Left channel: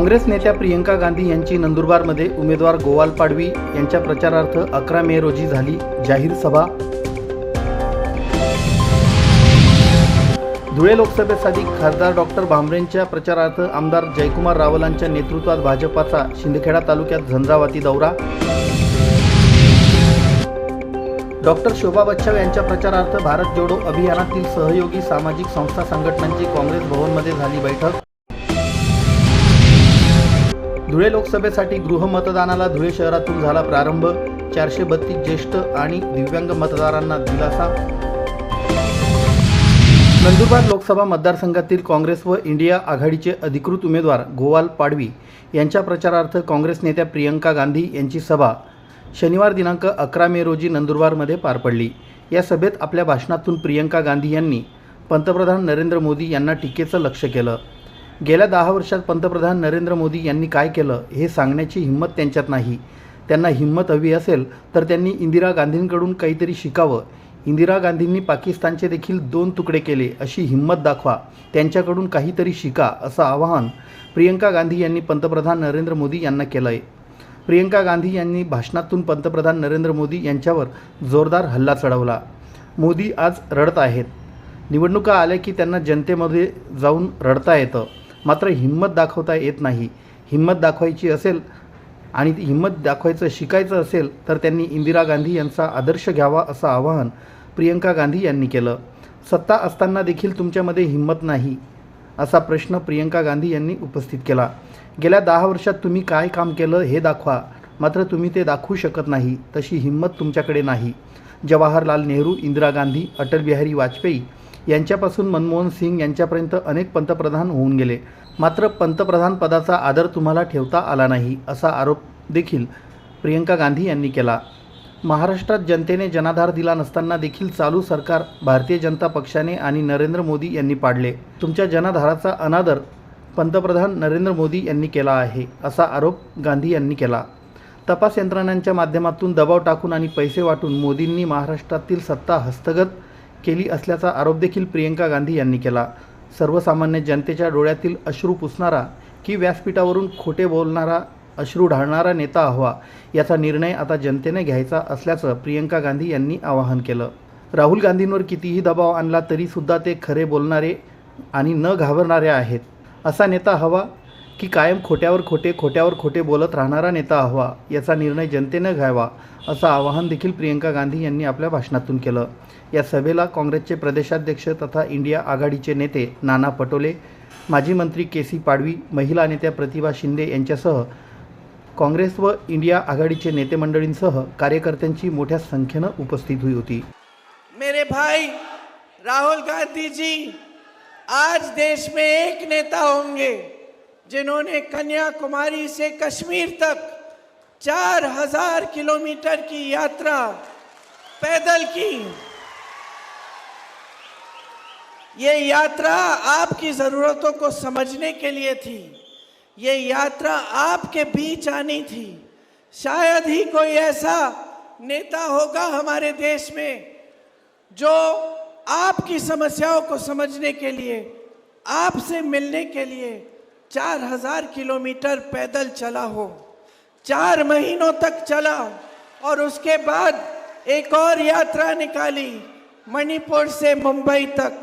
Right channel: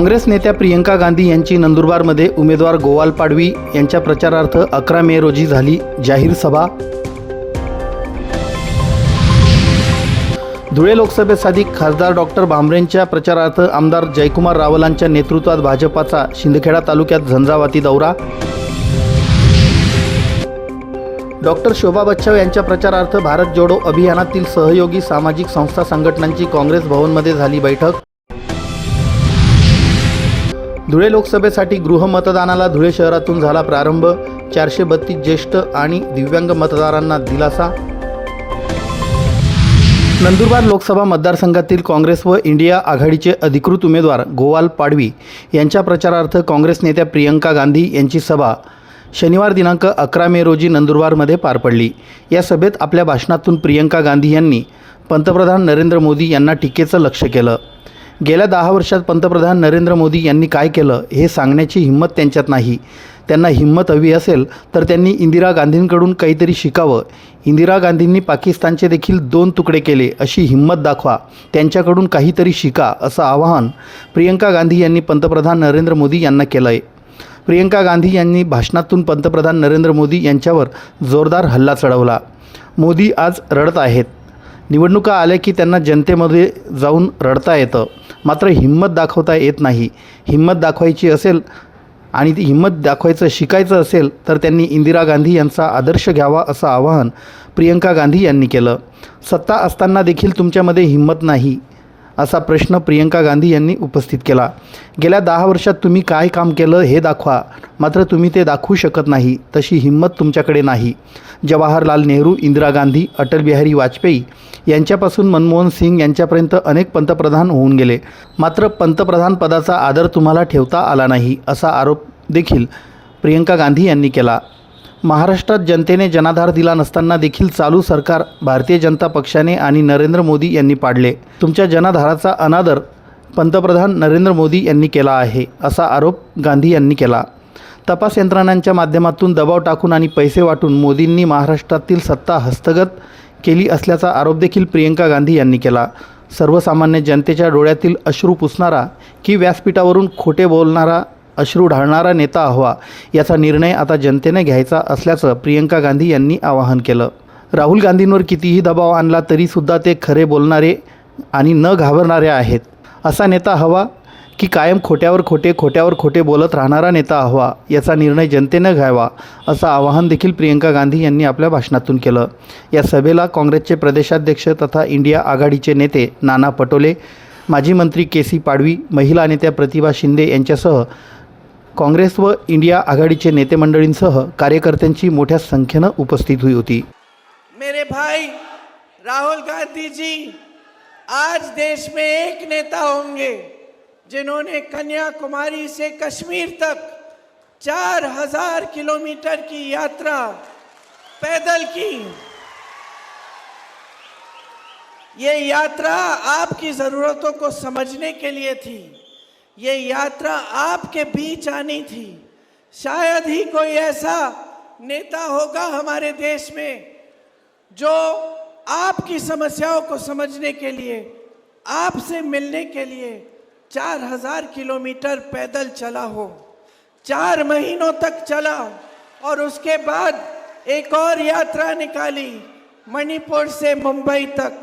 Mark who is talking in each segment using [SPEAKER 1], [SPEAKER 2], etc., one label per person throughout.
[SPEAKER 1] काँग्रेस नेत्या प्रियंका गांधी यांची नंदुरबारमध्ये उमेदवार गोवाल पाडवी यांच्या प्रचारार्थ अकरा मे रोजी झाली जाहीर सभा. धुळे लोकसभेसाठी खासदार डॉक्टर भांबरेंच्या प्रचारार्थ आमदार जयकुमार रावलांच्या नेतृत्वात भाजपाचा शिंदखेडा तालुक्यात झंझावाती दौरा. डॉक्टर शोभा बच्चव यांच्या प्रचारार्थ भारत जोडो अभियानातील सहयोगी सामाजिक संस्था संघटनांची काँग्रेस भवनमध्ये झाली बैठक. धुळे लोकसभेसाठी गृहमतदानाला धुळे शहरातून झाला प्रारंभ. चारशे बत्तीस ज्येष्ठ आणि दिव्यांग मतदारांना दिलासा. नंदुरबार लोकसभा मतदारसंघातील काँग्रेस व इंडिया आघाडीचे अधिकृत उमेदवार गोवाल पाडवी यांच्या प्रचारार्थ काँग्रेस नेत्या प्रियंका गांधी यांची सभा शनिवार दिनांक अकरा मे रोजी नंदुरबारमध्ये पार पडली. या सभेत आपल्या भाषणातून प्रियंका गांधी यांनी पंतप्रधान नरेंद्र मोदी यांना टीकेचं लक्ष केलं. गेल्या दहा वर्षात पंतप्रधान नरेंद्र मोदी यांनी काय केलं हे सांगण्याची हिंमत त्यांच्यात नाही. त्यांना हिंमत हवी असेल तर त्यांनी इंदिरा गांधींकडून काहीतरी शिकावं. इंदिरा गांधींनी पाकिस्तानचे देखील दोन तुकडे केले अशी हिंमत दाखवा. त्यांच्याकडून काहीतरी शिका असं आवाहन प्रियंका गांधी यांनी पंतप्रधान नरेंद्र मोदी यांना केलं आहे प्रियंका गांधी यांनी भाषणातून पंतप्रधान नरेंद्र मोदी यांच्यावर जोरदार हल्ला चढवला. मोदी आज रडत आहेत. निवडणुका आल्या की त्यांना जनतेमध्ये जाऊन रडता येतं. मात्र हिंमत दाखवता येत नाही. हिंमत दाखवायची असेल आणि ती हिंमत दाखवायचं शिकायचं असेल तर त्यांनी इंदिरा गांधी यांचा आदर्श घ्यावा असं आवाहन प्रियंका गांधी यांनी केलं. सत्ता असताना देखील तुमच्यामध्ये हिंमत नाही. असा प्रश्न प्रियंका गांधी यांनी उपस्थित केला. गेल्या दहा वर्षात तुम्ही काय काम केलं हे दाखवा. मात्र तुम्ही ते दाखवू शकत नाही तशी हिंमत तुमच्याकडे नाही. जवाहरलाल नेहरू इंदिरा गांधी अटल बिहारी वाजपेयी यांच्यापासून मनमोहन सिंग यांच्यापर्यंत अनेक पंतप्रधान होऊन गेले. मात्र पंतप्रधान पदाचा आदर तुम्हाला ठेवता आला नाही असा आरोप देखील प्रियंका गांधी यांनी केला. महाराष्ट्रात जनतेने जनाधार दिला नसताना देखील चालू सरकार भारतीय जनता पक्षाने आणि नरेंद्र मोदी यांनी पाडले. तुमच्या जनाधाराचा अनादर पंतप्रधान नरेंद्र मोदी यांनी केला आहे असा आरोप गांधी यांनी केला. तपास यंत्रणांच्या माध्यमातून दबाव टाकून आणि पैसे वाटून मोदींनी महाराष्ट्रातील सत्ता हस्तगत केली असल्याचा आरोप देखील प्रियंका गांधी यांनी केला. सर्वसामान्य जनतेच्या डोळ्यातील अश्रू पुसणारा की व्यासपीठावरून खोटे बोलणारा अश्रू ढाळणारा नेता हवा याचा निर्णय आता जनतेने घ्यायचा असल्याचं प्रियंका गांधी यांनी आवाहन केलं. राहुल गांधींवर कितीही दबाव आणला तरीसुद्धा ते खरे बोलणारे आणि न घाबरणारे आहेत. असा नेता हवा की कायम खोट्यावर खोटे खोट्यावर खोटे बोलत राहणारा नेता हवा याचा निर्णय जनतेनं घ्यावा असं आवाहन देखील प्रियंका गांधी यांनी आपल्या भाषणातून केलं. या सभेला काँग्रेसचे प्रदेशाध्यक्ष तथा इंडिया आघाडीचे नेते नाना पटोले माजी मंत्री के सी पाडवी महिला नेत्या प्रतिभा शिंदे यांच्यासह काँग्रेस व इंडिया आघाडीचे नेते मंडळींसह कार्यकर्त्यांची मोठ्या संख्येनं उपस्थित हुई होती.
[SPEAKER 2] मेरे भाई राहुल गांधी जी आज देश में एक नेता होंगे जिन्होंने कन्याकुमारी से कश्मीर तक चार हजार किलोमीटर की यात्रा पैदल की। ये यात्रा आपकी ज़रूरतों को समझने के लिए थी। ये यात्रा आपके बीच आनी थी। शायद ही कोई ऐसा नेता होगा हमारे देश में जो आपकी समस्याओं को समझने के लिए, आपसे मिलने के लिए चार हज़ार किलोमीटर पैदल चला हो, चार महीनों तक चला और उसके बाद एक और यात्रा निकाली मणिपुर से मुंबई तक।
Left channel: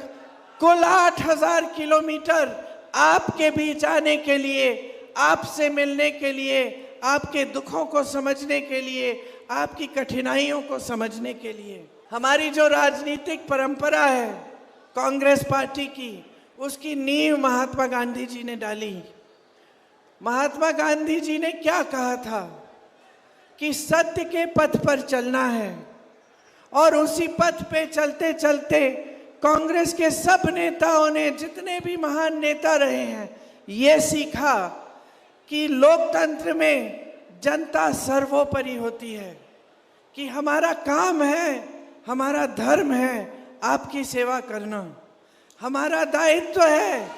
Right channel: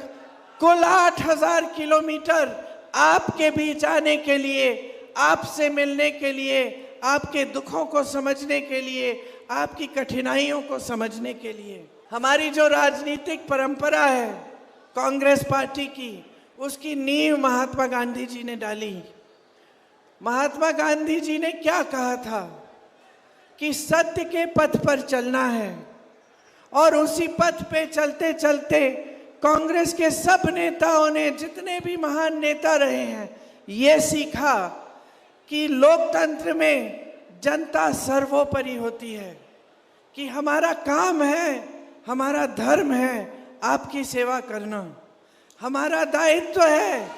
[SPEAKER 2] कुल आठ हज़ार किलोमीटर आपके बीच आने के लिए, आपसे मिलने के लिए, आपके दुखों को समझने के लिए, आपकी कठिनाइयों को समझने के लिए। हमारी जो राजनीतिक परंपरा है, कांग्रेस पार्टी की, उसकी नींव महात्मा गांधी जी ने डाली। महात्मा गांधी जी ने क्या कहा था? कि सत्य के पथ पर चलना है, और उसी पथ पे चलते चलते कांग्रेस के सब नेताओं ने, जितने भी महान नेता रहे हैं, ये सीखा कि लोकतंत्र में जनता सर्वोपरि होती है, कि हमारा काम है, हमारा धर्म है आपकी सेवा करना। हमारा दायित्व है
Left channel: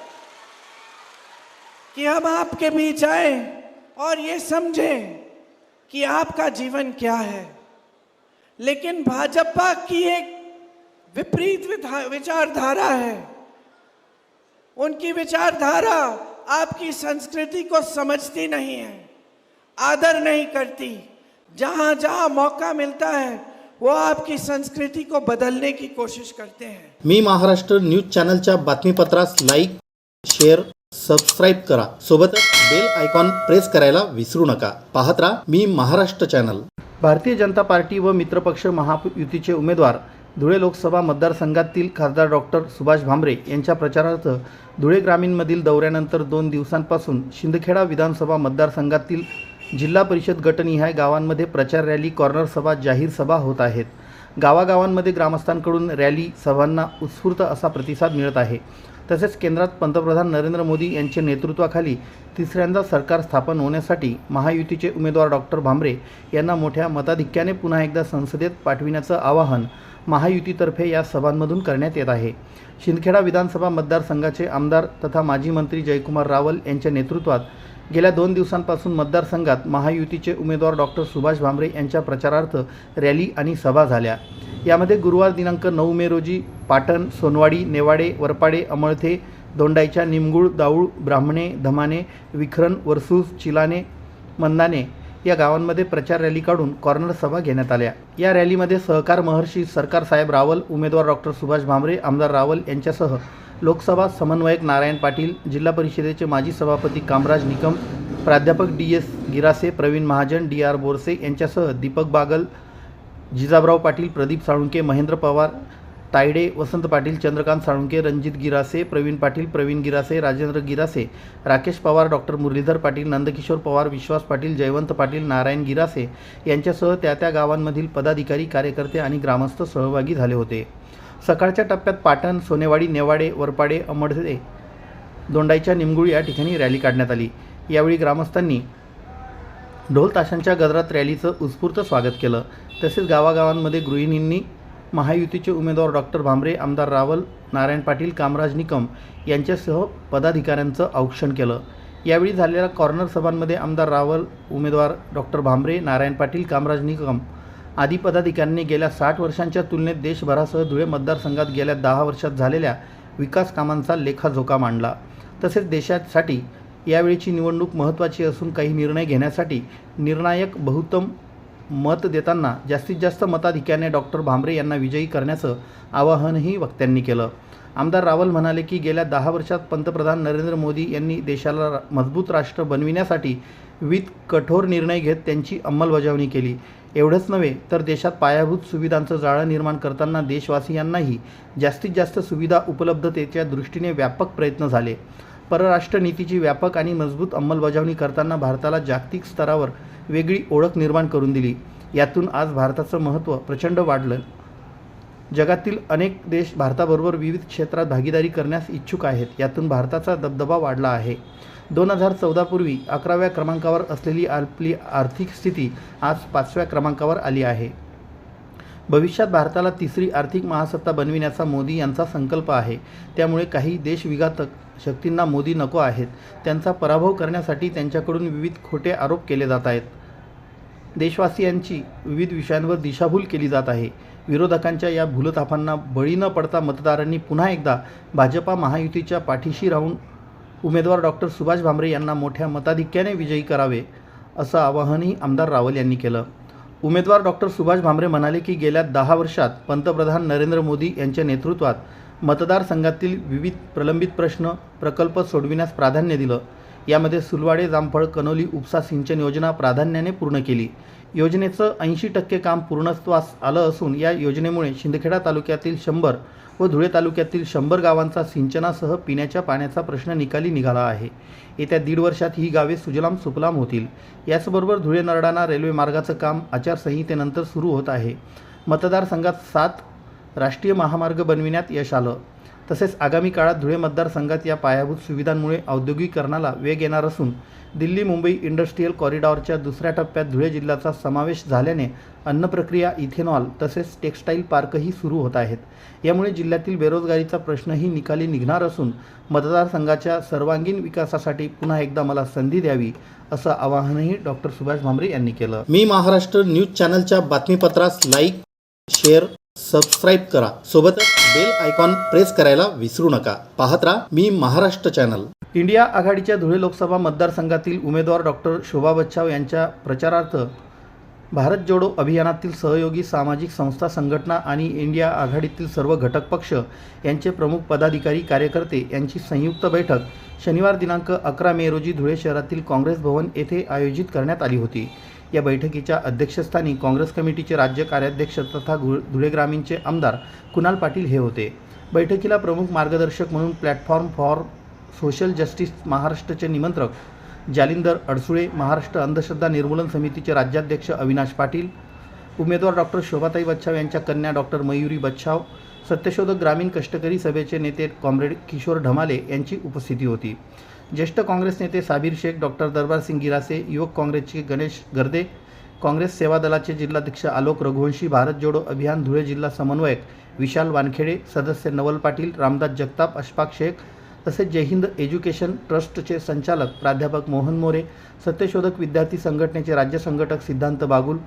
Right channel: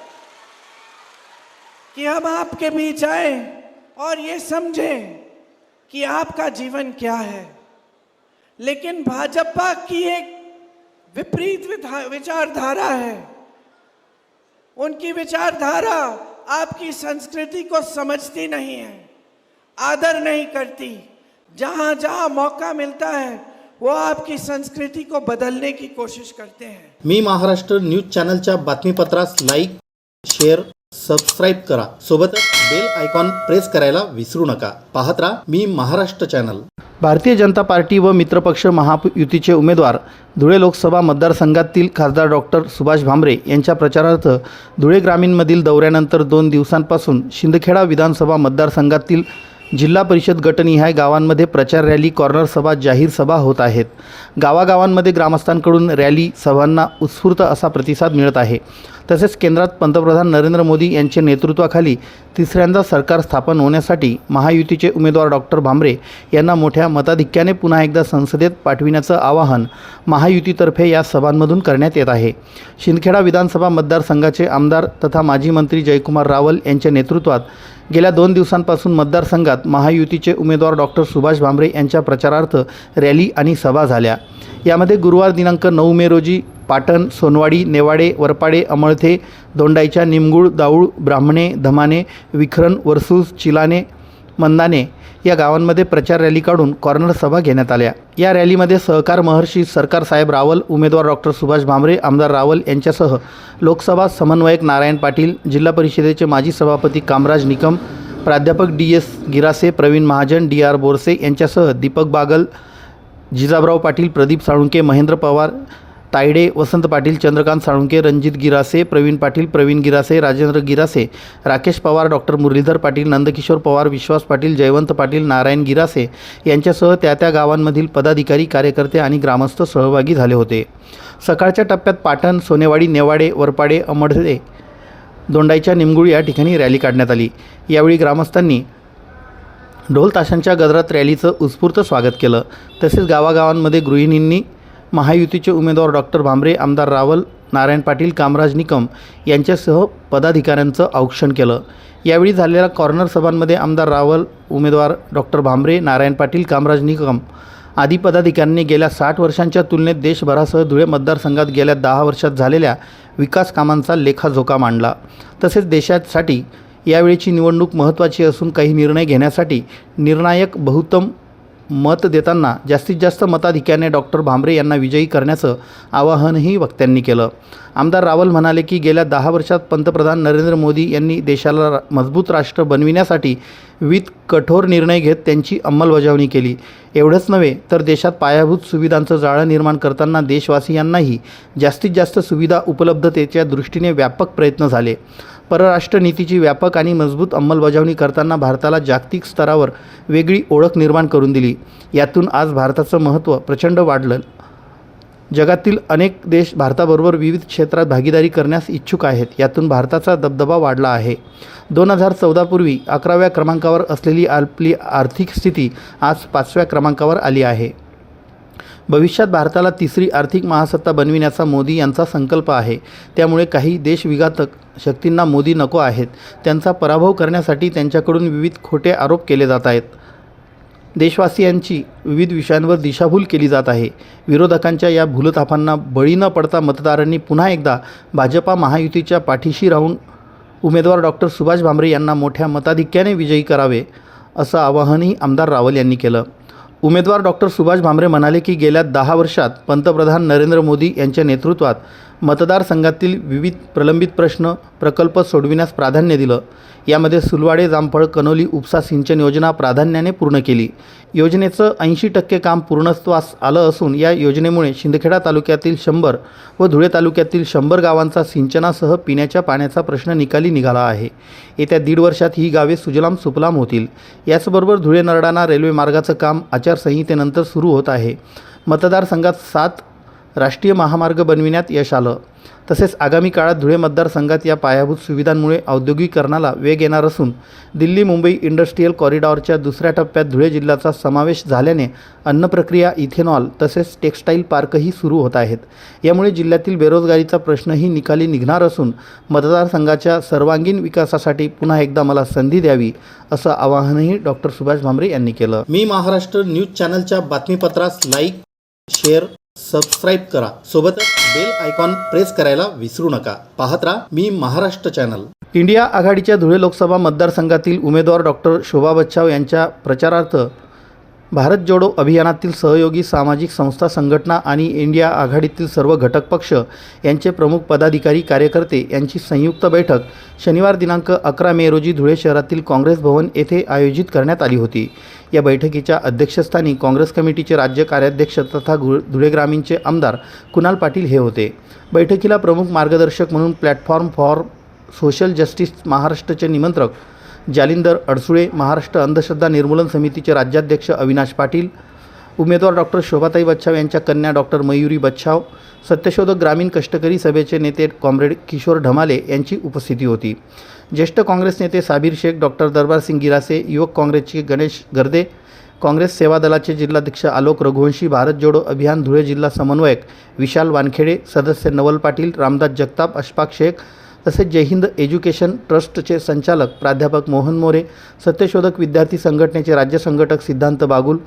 [SPEAKER 2] कि हम आपके बीच आए और ये समझें कि आपका जीवन क्या है। लेकिन भाजपा की एक विपरीत विचारधारा है। उनकी विचारधारा आपकी संस्कृति को समझती नहीं है, आदर नहीं करती। जहाँ जहाँ मौका मिलता है, वो आपकी संस्कृति को बदलने की कोशिश करते हैं।
[SPEAKER 1] मी महाराष्ट्र न्यूज़ चॅनलच्या बातमीपत्रास लाइक शेअर सबस्क्राईब करा. सोबतच बेल आयकॉन प्रेस करायला विसरू नका. पाहत राहा मी महाराष्ट्र चॅनल भारतीय जनता पार्टी व मित्रपक्ष महायुतीचे उमेदवार धुळे लोकसभा मतदारसंघातील खासदार डॉक्टर सुभाष भामरे यांच्या प्रचारार्थ धुळे ग्रामीणमधील दौऱ्यानंतर दोन दिवसांपासून शिंदखेडा विधानसभा मतदारसंघातील जिल्हा परिषद गटनिहाय गावांमध्ये प्रचार रॅली कॉर्नर सभा जाहीर सभा होत आहेत. गावागावांमध्ये ग्रामस्थांकडून रॅली सभांना उत्स्फूर्त असा प्रतिसाद मिळत आहे. तसेच केंद्रात पंतप्रधान नरेंद्र मोदी यांच्या नेतृत्वाखाली तिसऱ्यांदा सरकार स्थापन होण्यासाठी महायुतीचे उमेदवार डॉक्टर भांबरे यांना मोठ्या मताधिक्याने पुन्हा एकदा संसदेत पाठविण्याचं आवाहन महायुतीतर्फे या सभांमधून करण्यात येत आहे. शिंदखेडा विधानसभा मतदारसंघाचे आमदार तथा माजी मंत्री जयकुमार रावल यांच्या नेतृत्वात गेल्या दोन दिवसांपासून मतदारसंघात महायुतीचे उमेदवार डॉक्टर सुभाष भामरे यांच्या प्रचारार्थ रॅली आणि सभा झाल्या. यामध्ये गुरुवार दिनांक नऊ मे रोजी पाटण सोनवाडी नेवाडे वरपाडे अमळथे दोंडाईच्या निमगुळ दाऊळ ब्राह्मणे धमाने विखरण वरसूस चिलाने मंदाने या गावांमध्ये प्रचार रॅली काढून कॉर्नर सभा घेण्यात आल्या. या रॅलीमध्ये सहकार महर्षी सरकार साहेब रावल उमेदवार डॉक्टर सुभाष भामरे आमदार रावल यांच्यासह लोकसभा समन्वयक नारायण पाटील जिल्हा परिषदेचे माजी सभापती कामराज निकम प्राध्यापक D S Girase Pravin Mahajan D R Borse यांच्यासह दीपक बागल जिजाबराव पाटील प्रदीप साळुंके महेंद्र पवार तायडे वसंत पाटील चंद्रकांत साळुंके रणजित गिरासे प्रवीण पाटील प्रवीण गिरासे राजेंद्र गिरासे राकेश पवार डॉक्टर मुरलीधर पाटील नंदकिशोर पवार विश्वास पाटील जयवंत पाटील नारायण गिरासे यांच्यासह त्या त्या गावांमधील पदाधिकारी कार्यकर्ते आणि ग्रामस्थ सहभागी झाले होते. सकाळच्या टप्प्यात पाटण सोनेवाडी नेवाडे वरपाडे अमडदे दोंडाईच्या निमगुळ या ठिकाणी रॅली काढण्यात आली. यावेळी ग्रामस्थांनी ढोल ताशांच्या गजरात रॅलीचं उत्स्फूर्त स्वागत केलं. तसेच गावागावांमध्ये गृहिणींनी महायुतीचे उमेदवार डॉक्टर भांबरे आमदार रावल नारायण पाटील कामराज निकम यांच्यासह पदाधिकाऱ्यांचं औक्षण केलं. यावेळी झालेल्या कॉर्नर सभांमध्ये आमदार रावल उमेदवार डॉक्टर भांबरे नारायण पाटील कामराज निकम आदी पदाधिकाऱ्यांनी गेल्या साठ वर्षांच्या तुलनेत देशभरासह धुळे मतदारसंघात गेल्या दहा वर्षात झालेल्या विकास कामांचा लेखाजोखा मांडला. तसेच देशासाठी यावेळीची निवडणूक महत्त्वाची असून काही निर्णय घेण्यासाठी निर्णायक बहुतम मत देताना जास्तीत जास्त मताधिक्याने डॉक्टर भांबरे यांना विजयी करण्याचं आवाहनही वक्त्यांनी केलं. आमदार रावल म्हणाले की गेल्या दहा वर्षात पंतप्रधान नरेंद्र मोदी यांनी देशाला रा- मजबूत राष्ट्र बनविण्यासाठी विविध कठोर निर्णय घेत त्यांची अंमलबजावणी केली. एवढंच नव्हे तर देशात पायाभूत सुविधांचं जाळं निर्माण करताना देशवासियांनाही जास्तीत जास्त सुविधा उपलब्धतेच्या दृष्टीने व्यापक प्रयत्न झाले. परराष्ट्र नीतीची व्यापक आणि मजबूत अंमलबजावणी करताना भारताला जागतिक स्तरावर वेगळी ओळख निर्माण करून दिली. यातून आज भारताचं महत्त्व प्रचंड वाढलं. जगातील अनेक देश भारताबरोबर विविध क्षेत्रात भागीदारी करण्यास इच्छुक आहेत. यातून भारताचा दबदबा वाढला आहे. दोन हजार चौदापूर्वी अकराव्या क्रमांकावर असलेली आपली आर्थिक स्थिती आज पाचव्या क्रमांकावर आली आहे. भविष्यात भारताला तिसरी आर्थिक महासत्ता बनविण्याचा मोदी यांचा संकल्प आहे. त्यामुळे काही देशविघातक शक्तींना मोदी नको आहेत. त्यांचा पराभव करण्यासाठी त्यांच्याकडून विविध खोटे आरोप केले जात आहेत. देशवासियांची विविध विषयांवर दिशाभूल केली जात आहे. विरोधकांच्या या भूलथापांना बळी न पडता मतदारांनी पुन्हा एकदा भाजपा महायुतीच्या पाठीशी राहून उमेदवार डॉक्टर सुभाष भामरे यांना मोठ्या मताधिक्याने विजयी करावे असं आवाहनही आमदार रावल यांनी केलं. उमेदवार डॉक्टर सुभाष भामरे म्हणाले की गेल्या दहा वर्षात पंतप्रधान नरेंद्र मोदी यांच्या नेतृत्वात मतदारसंघातील विविध प्रलंबित प्रश्न प्रकल्प सोडविण्यास प्राधान्य दिलं. यामध्ये सुलवाडे जामफळ कनोली उपसा सिंचन योजना प्राधान्याने पूर्ण केली. योजनेचं ऐंशी टक्के काम पूर्णत्वास आलं असून या योजनेमुळे शिंदखेडा तालुक्यातील शंभर व धुळे तालुक्यातील शंभर गावांचा सिंचनासह पिण्याच्या पाण्याचा प्रश्न निकाली निघाला आहे. येत्या दीड वर्षात ही गावे सुजलाम सुफलाम होतील. याचबरोबर धुळे नरडाणा रेल्वे मार्गाचं काम आचारसंहितेनंतर सुरू होत आहे. मतदारसंघात सात राष्ट्रीय महामार्ग बनविण्यात यश आलं. तसेच आगामी काळात धुळे मतदारसंघात या पायाभूत सुविधांमुळे औद्योगिकरणाला वेग येणार असून दिल्ली मुंबई इंडस्ट्रीयल कॉरिडॉरच्या दुसऱ्या टप्प्यात धुळे जिल्ह्याचा समावेश झाल्याने अन्नप्रक्रिया इथेनॉल तसेच टेक्स्टाईल पार्कही सुरू होत आहेत. यामुळे जिल्ह्यातील बेरोजगारीचा प्रश्नही निकाली निघणार असून मतदारसंघाच्या सर्वांगीण विकासासाठी पुन्हा एकदा मला संधी द्यावी असं आवाहनही डॉक्टर सुभाष भामरे यांनी केलं. मी महाराष्ट्र न्यूज चॅनलच्या बातमीपत्रास लाईक शेअर सबस्क्राईब करा. सोबतच बेल आयकॉन प्रेस करायला विसरू नका. पाहत राहा मी महाराष्ट्र चॅनल इंडिया आघाडीच्या धुळे लोकसभा मतदारसंघातील उमेदवार डॉक्टर शोभा बच्चाव यांच्या प्रचारार्थ भारत जोडो अभियानातील सहयोगी सामाजिक संस्था संघटना आणि इंडिया आघाडीतील सर्व घटक पक्ष यांचे प्रमुख पदाधिकारी कार्यकर्ते यांची संयुक्त बैठक शनिवार दिनांक अकरा मे रोजी धुळे शहरातील काँग्रेस भवन येथे आयोजित करण्यात आली होती. या बैठकीच्या अध्यक्षस्थानी काँग्रेस कमिटीचे राज्य कार्याध्यक्ष तथा धुळे ग्रामीणचे आमदार कुणाल पाटील हे होते. बैठकीला प्रमुख मार्गदर्शक म्हणून प्लॅटफॉर्म फॉर सोशल जस्टिस महाराष्ट्रचे निमंत्रक जालिंदर अडसुळे महाराष्ट्र अंधश्रद्धा निर्मूलन समितीचे राज्याध्यक्ष अविनाश पाटील उमेदवार डॉक्टर शोभाताई बच्छाव यांच्या कन्या डॉक्टर मयुरी बच्छाव सत्यशोधक ग्रामीण कष्टकरी सभेचे नेते कॉम्रेड किशोर ढमाले यांची उपस्थिती होती. ज्येष्ठ काँग्रेस नेते साबीर शेख डॉक्टर दरबारसिंग गिरासे युवक काँग्रेसचे गणेश गर्दे काँग्रेस सेवा दलाचे जिल्हाध्यक्ष आलोक रघुवंशी भारत जोडो अभियान धुळे जिल्हा समन्वयक विशाल वानखेडे सदस्य नवल पाटील रामदास जगताप अशफाक शेख तसेच जय हिंद एज्युकेशन ट्रस्टचे संचालक प्राध्यापक मोहन मोरे सत्यशोधक विद्यार्थी संघटनेचे राज्य संघटक सिद्धांत बागुल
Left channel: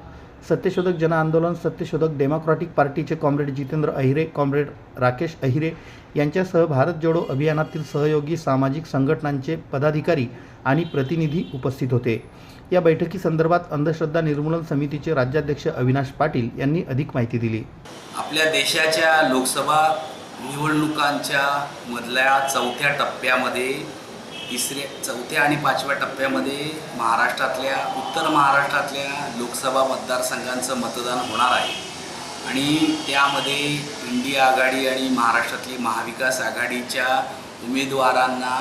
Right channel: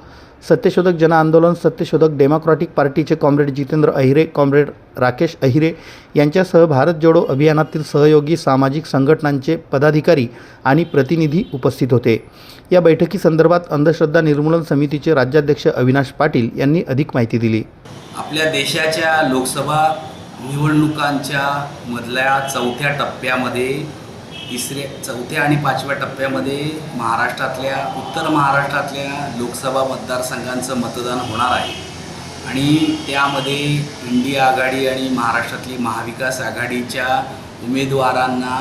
[SPEAKER 1] सत्यशोधक जन आंदोलन सत्यशोधक डेमोक्रॅटिक पार्टीचे कॉम्रेड जितेंद्र अहिरे कॉम्रेड राकेश अहिरे यांच्यासह भारत जोडो अभियानातील सहयोगी सामाजिक संघटनांचे पदाधिकारी आणि प्रतिनिधी उपस्थित होते. या बैठकीसंदर्भात अंधश्रद्धा निर्मूलन समितीचे राज्याध्यक्ष अविनाश पाटील यांनी अधिक माहिती दिली.
[SPEAKER 3] आपल्या देशाच्या लोकसभा निवडणुकांच्या मधल्या चौथ्या टप्प्यामध्ये तिसऱ्या चौथ्या आणि पाचव्या टप्प्यामध्ये महाराष्ट्रातल्या उत्तर महाराष्ट्रातल्या लोकसभा मतदारसंघांचं मतदान होणार आहे. आणि त्यामध्ये इंडिया आघाडी आणि महाराष्ट्रातली महाविकास आघाडीच्या उमेदवारांना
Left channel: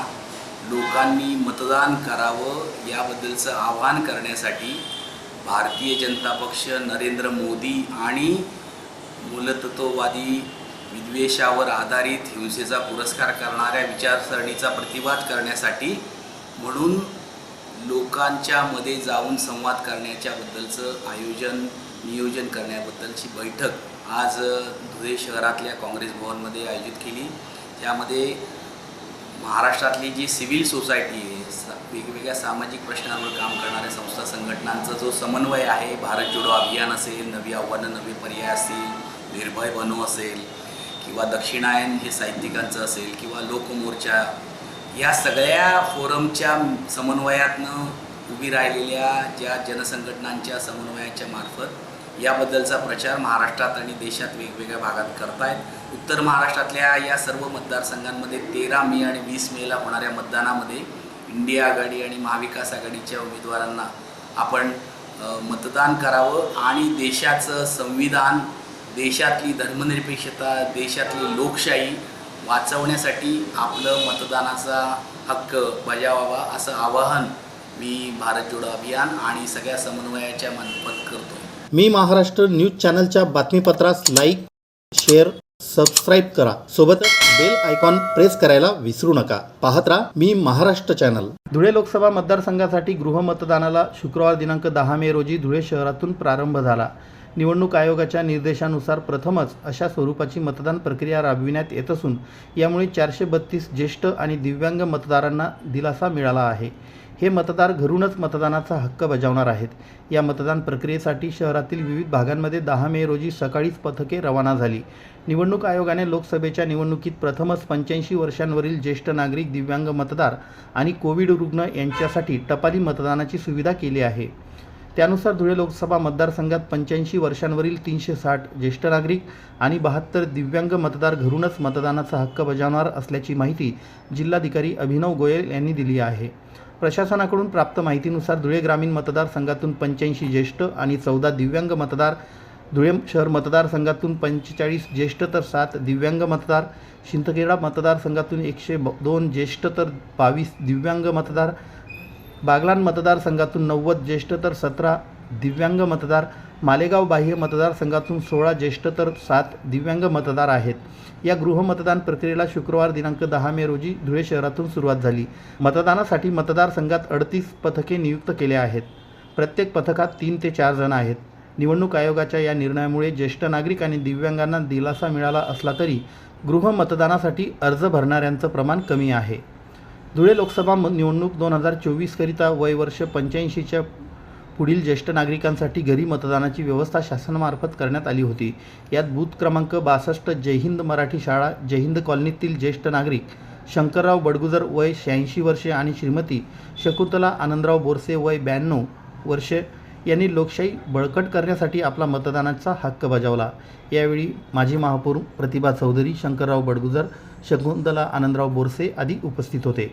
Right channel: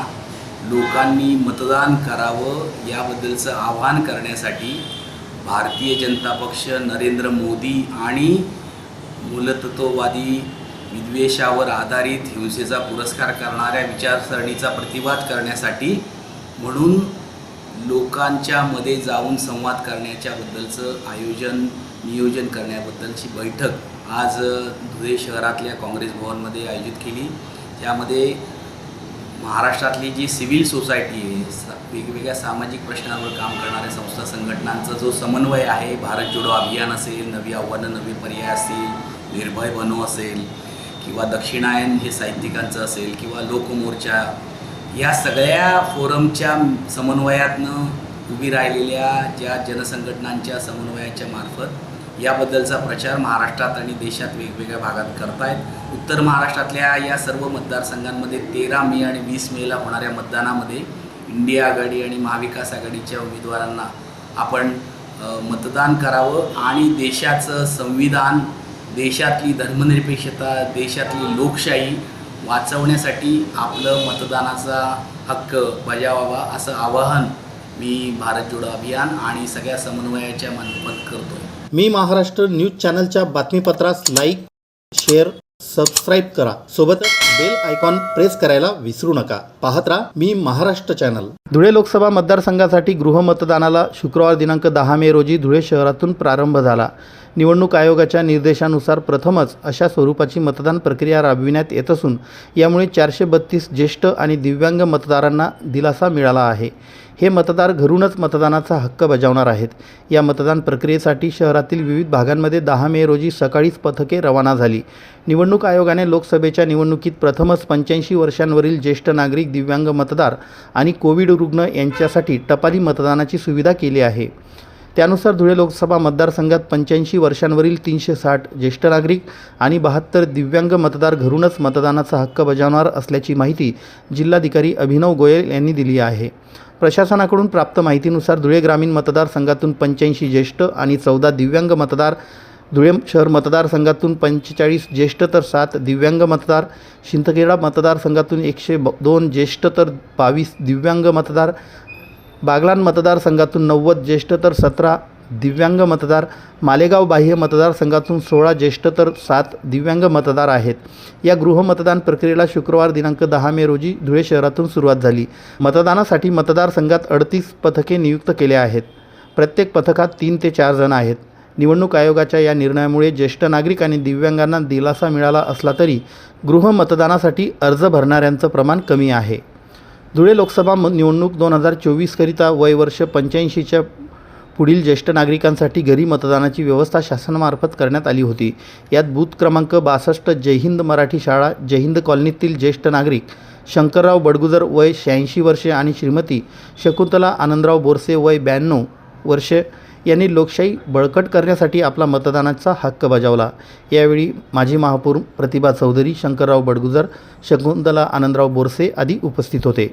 [SPEAKER 3] लोकांनी मतदान करावं याबद्दलचं आवाहन करण्यासाठी भारतीय जनता पक्ष नरेंद्र मोदी आणि मूलतत्ववादी विद्वेषावर आधारित हिंसेचा पुरस्कार करणाऱ्या विचारसरणीचा प्रतिवाद करण्यासाठी म्हणून लोकांच्या मध्ये जाऊन संवाद करण्याच्याबद्दलचं आयोजन नियोजन करण्याबद्दलची बैठक आज धुळे शहरातल्या काँग्रेस भवनमध्ये आयोजित केली. त्यामध्ये महाराष्ट्रातली जी सिव्हिल सोसायटी आहे सा वेगवेगळ्या सामाजिक प्रश्नांवर काम करणाऱ्या संस्था संघटनांचा जो समन्वय आहे भारत जोडो अभियान असेल नवी आव्हानं नवे पर्याय असतील निर्भय बनो असेल किंवा दक्षिणायन हे साहित्यिकांचं असेल किंवा लोकमोर्चा या सगळ्या फोरमच्या समन्वयातनं उभी राहिलेल्या ज्या जनसंघटनांच्या समन्वयाच्या मार्फत याबद्दलचा प्रचार महाराष्ट्रात आणि देशात वेगवेगळ्या भागात करतायत. उत्तर महाराष्ट्रातल्या या सर्व मतदारसंघांमध्ये तेरा मे आणि वीस मेला होणाऱ्या मतदानामध्ये इंडिया आघाडी आणि महाविकास आघाडीच्या उमेदवारांना आपण मतदान करावं आणि देशाचं संविधान देशातली धर्मनिरपेक्षता देशातली लोकशाही वाचवण्यासाठी आपलं मतदानाचा हक्क बजावावा असं आवाहन मी भारत जोडो अभियान आणि सगळ्या समन्वयाच्या मार्फत करतो.
[SPEAKER 1] मी महाराष्ट्र न्यूज चॅनलच्या बातमीपत्रास लाईक शेअर सबस्क्राईब करा. सोबतच बेल आयकॉन प्रेस करायला विसरू नका. पाहत राहा मी महाराष्ट्र चॅनल. धुळे लोकसभा मतदारसंघासाठी गृहमतदानाला शुक्रवार दिनांक दहा मे रोजी धुळे शहरातून प्रारंभ झाला. निवडणूक आयोगाच्या निर्देशानुसार प्रथमच अशा स्वरूपाची मतदान प्रक्रिया राबविण्यात येत असून यामुळे चारशे बत्तीस ज्येष्ठ आणि दिव्यांग मतदारांना दिलासा मिळाला आहे. हे मतदार घरूनच मतदानाचा हक्क बजावणार आहेत. या मतदान प्रक्रियेसाठी शहरातील विविध भागांमध्ये दहा मे रोजी सकाळीच पथके रवाना झाली. निवडणूक आयोगाने लोकसभेच्या निवडणुकीत प्रथमच पंच्याऐंशी वर्षांवरील ज्येष्ठ नागरिक दिव्यांग मतदार आणि कोविड रुग्ण यांच्यासाठी टपाली मतदानाची सुविधा केली आहे. त्यानुसार धुळे लोकसभा मतदारसंघात पंच्याऐंशी वर्षांवरील तीनशे साठ ज्येष्ठ नागरिक आणि बहात्तर दिव्यांग मतदार घरूनच मतदानाचा हक्क बजावणार असल्याची माहिती जिल्हाधिकारी अभिनव गोयल यांनी दिली आहे. प्रशासनाकडून प्राप्त माहितीनुसार धुळे ग्रामीण मतदारसंघातून पंच्याऐंशी ज्येष्ठ आणि चौदा दिव्यांग मतदार धुळे शहर मतदारसंघातून पंचेचाळीस ज्येष्ठ तर सात दिव्यांग मतदार शिंदखेडा मतदारसंघातून एकशे ब दोन ज्येष्ठ तर बावीस दिव्यांग मतदार बागलान मतदारसंघातून नव्वद ज्येष्ठ तर सतरा दिव्यांग मतदार मालेगाव बाह्य मतदारसंघातून सोळा ज्येष्ठ तर सात दिव्यांग मतदार आहेत. या गृहमतदान प्रक्रियेला शुक्रवार दिनांक दहा मे रोजी धुळे शहरातून सुरुवात झाली. मतदानासाठी मतदारसंघात अडतीस पथके नियुक्त केले आहेत. प्रत्येक पथकात तीन ते चार जण आहेत. निवडणूक आयोगाच्या या निर्णयामुळे ज्येष्ठ नागरिक आणि दिव्यांगांना दिलासा मिळाला असला तरी गृहमतदानासाठी अर्ज भरणाऱ्यांचं प्रमाण कमी आहे. धुळे लोकसभा निवडणूक दोन हजार चोवीसकरिता वय वर्ष पंच्याऐंशीच्या पुढील ज्येष्ठ नागरिकांसाठी घरी मतदानाची व्यवस्था शासनामार्फत करण्यात आली होती. यात बूथ क्रमांक बासष्ट जय हिंद मराठी शाळा जय हिंद कॉलनीतील ज्येष्ठ नागरिक शंकरराव बडगुजर वय शहाऐंशी वर्षे आणि श्रीमती शकुंतला आनंदराव बोरसे वय ब्याण्णव वर्षे यांनी लोकशाही बळकट करण्यासाठी आपला मतदानाचा हक्क बजावला. यावेळी माजी महापौर प्रतिभा चौधरी शंकरराव बडगुजर शकुंतला आनंदराव बोरसे आदी उपस्थित होते.